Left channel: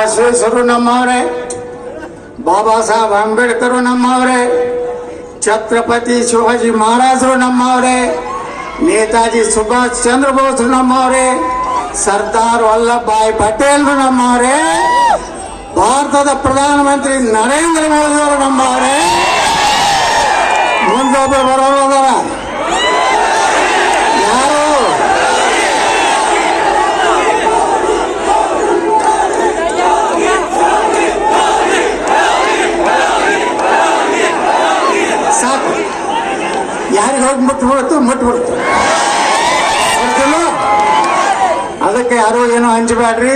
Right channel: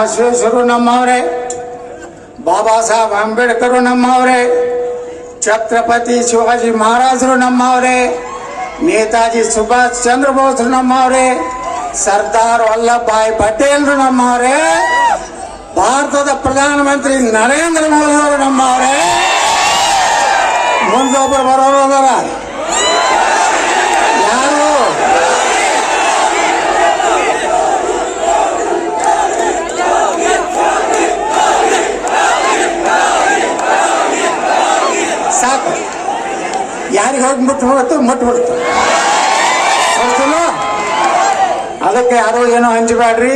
ಬಸವೇಶ್ವರರು ನಮ್ಮವರೇ, ಬಾಬಾ ಸಾಹೇಬ್ ಅಂಬೇಡ್ಕರ್ ನಮ್ಮವರೇ, ಛತ್ರಪತಿ ಶಿವಾಜಿ ಮಹಾರಾಜರು ನಮ್ಮವರೇ, ನೇತಾಜಿ ಸುಭಾಷ್ ಚಂದ್ರ ಬೋಸ್ ನಮ್ಮವರೇ, ಸರ್ದಾರ್ ವಲ್ಲಭಾಯ್ ಪಟೇಲ್ರು ನಮ್ಮವರೇ, ಭಾರತದ ಪ್ರಧಾನಮಂತ್ರಿ ನರೇಂದ್ರ ಮೋದಿ ಅವರು ನಮ್ಮವರೇ ಮುಂದೊಬ್ಬರು ಬರೋದಾರ ಯಾರು ಸಾಕು ಯಾರಿಗೆ ಹೋಗಿ ಮುಟ್ಟು ಹೋಯ್ತು ಮುಟ್ಟು ಹೋಯ್ತು. ಅದಕ್ಕೆ ಯಾರೋ ಏನೋ ಹಂಚಬೇಡ್ರಿ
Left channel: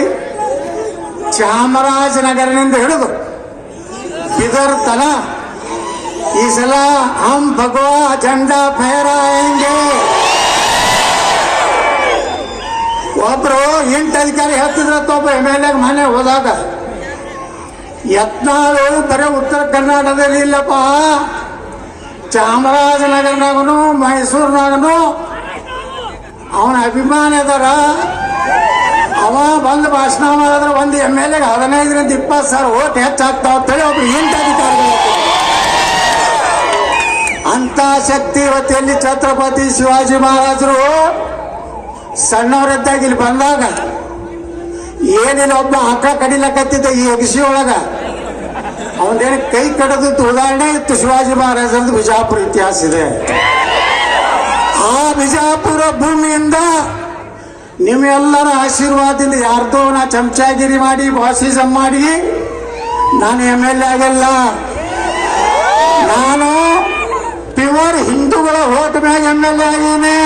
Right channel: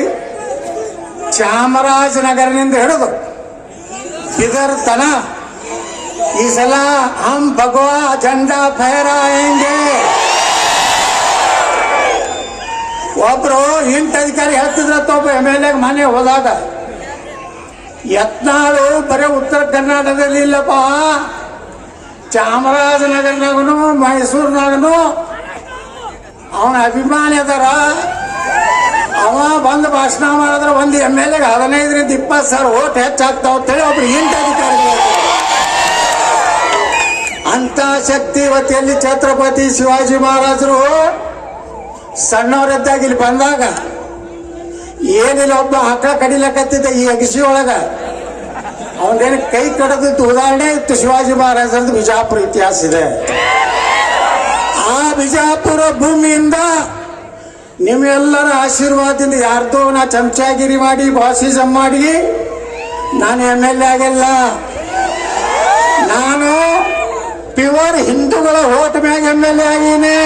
ಚಾಮರಾಜನಗರನಿಂದ ಹಿಡಿದು ಬಿದರ್ ತನ ಈ ಸಲ ಹಂ ಭಗವಾ झंडा ಫಹರಾಯಂಗೆ ಒಬ್ರು ಎಂಟು ಅಧಿಕಾರಿ ಹೇಳ್ತಿದ್ರತ್ತ ಒಬ್ಬ ಎಂ ಎಲ್ ಎ ಮನೆ ಹೋದಾಗ, ಯತ್ನಾಳು ಬರೀ ಉತ್ತರ ಕರ್ನಾಟಕದಲ್ಲಿ ಇಲ್ಲಪ್ಪ. ಚಾಮರಾಜನಗರನಾಗನು, ಮೈಸೂರಿನಾಗನು. ಅವನ ಅಭಿಮಾನಿ ಅದಾರ. ಅವ ಬಂದು ಭಾಷಣ ಮಾಡಿದ್ರೆ ಒಂದು ಎಂ ಎಲ್ ಎಗೆ ಹದಿನೈದರಿಂದ ಇಪ್ಪತ್ತು ಸಾವಿರ ಓಟ್ ಹೆಚ್ಚಾಗ್ತಾವ ಅಂತೇಳಿ ಒಬ್ರು ಎಂಟು ಅಧಿಕಾರಿಗಳು ಅಂತ. ಶಕ್ತಿ ಇವತ್ತಿಯಲ್ಲಿ ಛತ್ರಪತಿ ಶಿವಾಜಿ ಮಹಾರಾಜರು ಸಣ್ಣವರದ್ದಾಗಿ ಇಲ್ಲಿ ಬಂದಾಗ ಏನಿಲ್ಲ, ಒಬ್ಬ ಹಕ್ಕ ಕಡಿಲಕತ್ತಿದ್ದ ಈ ಅಗಸಿ ಒಳಗ ಅವನೇನು ಕೈ ಕಡದಿತ್ತು ಉದಾಹರಣೆ, ಇತ್ತು ಶಿವಾಜಿ ಮಹಾರಾಜರದ್ದು ಬಿಜಾಪುರ ಇತಿಹಾಸ ಇದೆ. ಆ ಬಿಜಾಪುರ ಭೂಮಿಯಿಂದ ನಿಮ್ಮೆಲ್ಲರ ಆಶೀರ್ವಾದದಿಂದ ಯಾರ್ದೋ ನಾ ಚಮಚಾಗಿರಿ ಮಾಡಿ, ಬಾಸಿಸಂ ಮಾಡಿ, ನಾನು ಎಂ ಎಲ್ ಎ ಆಗಿಲ್ಲ. ನಾನು ಪ್ಯೂರ್ ಹಿಂದೂಗಳ ಓಟ್ ಮ್ಯಾಗ ಎಂ ಎಲ್ ಎ ಆಗೀನಿ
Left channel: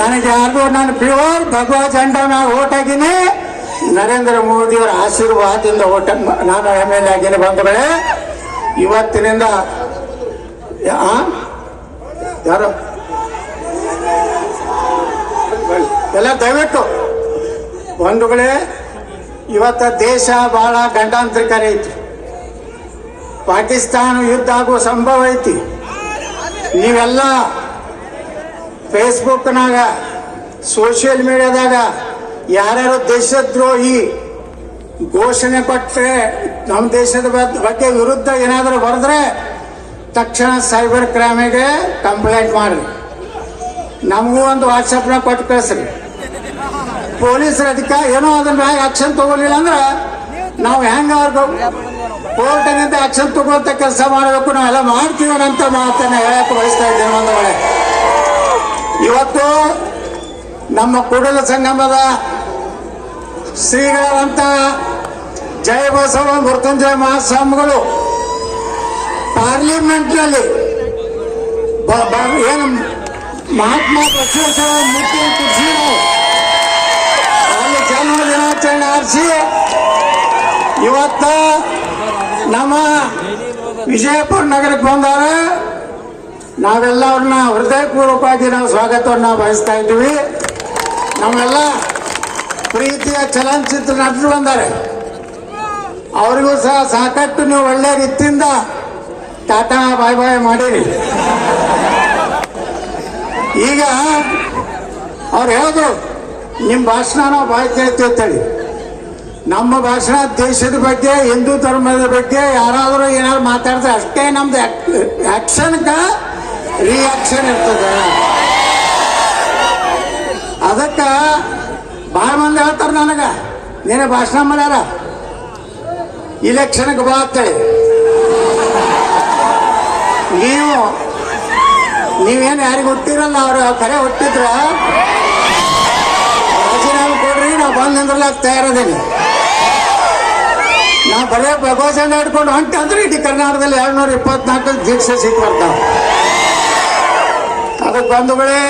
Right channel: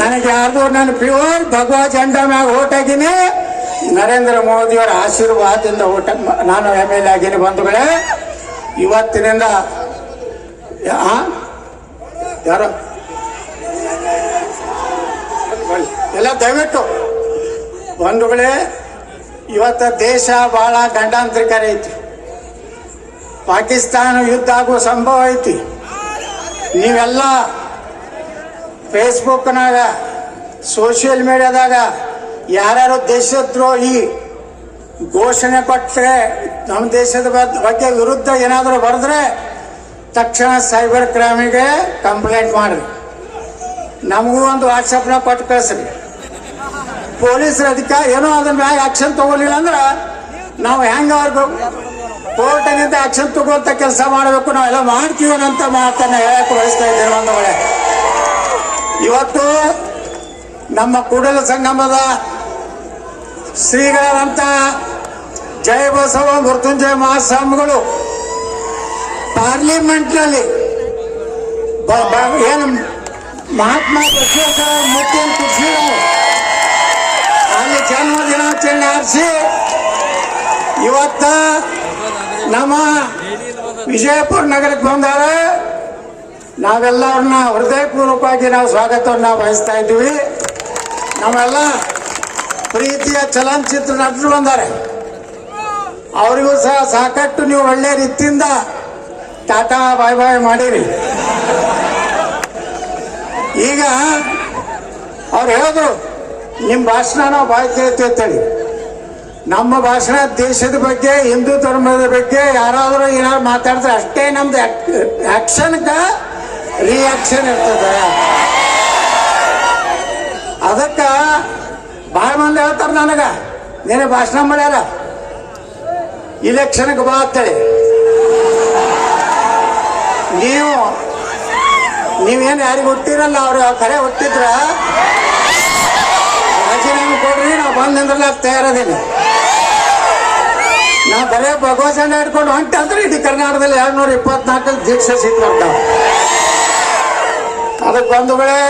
ನನಗೆ ಯಾರ್ದೋ ನಾನು ಪ್ಯೂರ್ ಭಗವಾ ಜಂಡ ಮ್ಯಾಗ ಓಟ್ ಆಗೀನಿ ನರೇಂದ್ರ ಮೋದಿಯವರ ಆಶೀರ್ವಾದದಿಂದ ಓಟ್ ನಾನು ಎಂ ಎಲ್ ಎ ಆಗೀನಿ ಬಂಧುಗಳೇ, ಇವತ್ತಿನಿಂದ ಯಾರು? ಎಲ್ಲ ದಯವಿಟ್ಟು, ಬಂಧುಗಳೇ, ಇವತ್ತ ದೇಶ ಬಹಳ ಗಂಡಾಂತರಿಕಾರಿ ಐತಿ ಪಾಕಿಸ್ತಾನ ಯುದ್ಧ ಆಗುವ ಸಂಭವ ಐತಿ. ನೀವೆಲ್ಲ ಫೇಸ್ಬುಕ್ನಾಗ ಸೋಷಿಯಲ್ ಮೀಡಿಯಾದಾಗ ಯಾರ್ಯಾರು ದೇಶದ್ರೋಹಿ ಘೋಷಣೆ ಕೊಟ್ಟರೆ ನಮ್ಮ ದೇಶದ ಬಗ್- ಬಗ್ಗೆ ವಿರುದ್ಧ ಏನಾದರೂ ಬರೆದ್ರೆ ತಕ್ಷಣ ಸೈಬರ್ ಕ್ರೈಮಿಗೆ ಕಂಪ್ಲೇಂಟ್ ಮಾಡಿ ನಮಗೂ ಒಂದು ವಾಟ್ಸಪ್ನ ಕೊಟ್ಟು ಕಳಿಸ್ರಿ. ಪೊಲೀಸರ ಅದಕ್ಕೆ ಏನೋ ಅದ್ರ ಮ್ಯಾಗ ಆಕ್ಷನ್ ತಗೊಳ್ಳಿಲ್ಲ ಅಂದ್ರೆ ನಾವು ಹೆಂಗ ಅವ್ರಿಗೆ ಕೋರ್ಟಿನಿಂದ ಆಕ್ಷನ್ ತಗೊಳ್ತ ಕೆಲಸ ಮಾಡಬೇಕು, ನಾವೆಲ್ಲ ಮಾಡ್ತೀವಿ ಅಂತ ಮಾತನ್ನ ಹೇಳಕ್ ಬಯಸ್ತಾ ಇದ್ದೇನೆ ಒಂದು ಇವತ್ತು ನಮ್ಮ ಕೂಡಲ ಸಂಗಮದ ಶ್ರೀಗಳಂತ ಜಯ ಬಸವ ಮೃತ್ಯುಂಜಯ ಮಹಾಸ್ವಾಮಿಗಳು. ಪಾರ್ಲಿಮೆಂಟ್ನಲ್ಲಿ ಏನು ಮಹಾತ್ಮ ಬಸವೇಶ್ವರ ಮೂರ್ತಿ ಅಲ್ಲಿ ಜನ್ಮ ದಿನಾಚರಣೆ ಆರಿಸಿ. ಇವತ್ತ ನಮ್ಮ ವಿಜಯಪುರ ನಗರಕ್ಕೆ ಬಂದಾರ. ನಾವೆಲ್ಲರನ್ನ ಹೃದಯಪೂರ್ವಕವಾಗಿ ನಾವು ಸ್ವಾಗತವನ್ನ ಬಯಸ್ತಾ ಇದ್ದೀವಿ. ನಾವೆಲ್ಲ ಪ್ರೀತಿಯ ಚಲನಚಿತ್ರ ನಟರು ಬಂದಾರೆ ಅವರಿಗೂ ಸಹ ಸಾಕಷ್ಟು ನೀವು ಒಳ್ಳೆ ರೀತಿಯಿಂದ ಟಾಟಾ ಬಾಯ್ ಬಾಯ್ ಮಾಡಿರಿ. ಈಗ ಅವ್ರು ಹೇಳೋದು ನಿಮ್ಮ ಭಾಷಣ ಬಾಯ್ ಕೇಳ್ತೀವಿ ಅಂತೇಳಿ. ನಮ್ಮ ಭಾಷಣ ದೇಶದ ಬಗ್ಗೆ, ಹಿಂದೂ ಧರ್ಮದ ಬಗ್ಗೆ ಯಾರಾದರೂ ಏನಾದ್ರು ಮಾತಾಡಿದ್ರೆ ಅಷ್ಟೇ ನಮ್ದು ಆಕ್ಷನ್ಗ ರಿಯಾಕ್ಷನ್ ಇರ್ತದೆ. ಅದಕ್ಕ ಮಂದಿ ಹೇಳ್ತಾರ ನನಗ. ನೀನೇ ಭಾಷಣ ಮಾಡ್ಯಾರ? ಇಲೆಕ್ಷನ್ಗೆ ಬಾ ಅಂತೇಳಿ. ನೀವು, ನೀವೇನು ಯಾರಿಗೆ ಹುಟ್ಟಿರಲ್ಲ, ಅವ್ರ ಕರೆ ಹುಟ್ಟಿದ್ರ? ರಾಜೀನಾಮೆ ಕೊಡ್ರಿ, ನಾವು ಬಂದು ನಿಂದ್ರಲ್ಲ ತಯಾರದೇನೆ ನಾ ಬರೇ ಭಗವತ್ ಹಿಡ್ಕೊಂಡು ಹೊಂಟೆ ಅಂದ್ರೆ ಇಡೀ ಕರ್ನಾಟಕದಲ್ಲಿ ಎರಡ್ನೂರ ಇಪ್ಪತ್ನಾಲ್ಕು ದೀಕ್ಷೆ ಸೀಟ್ ಅದಕ್ಕೆ ಅದಕ್ಕೆ ಬಂಧುಗಳೇ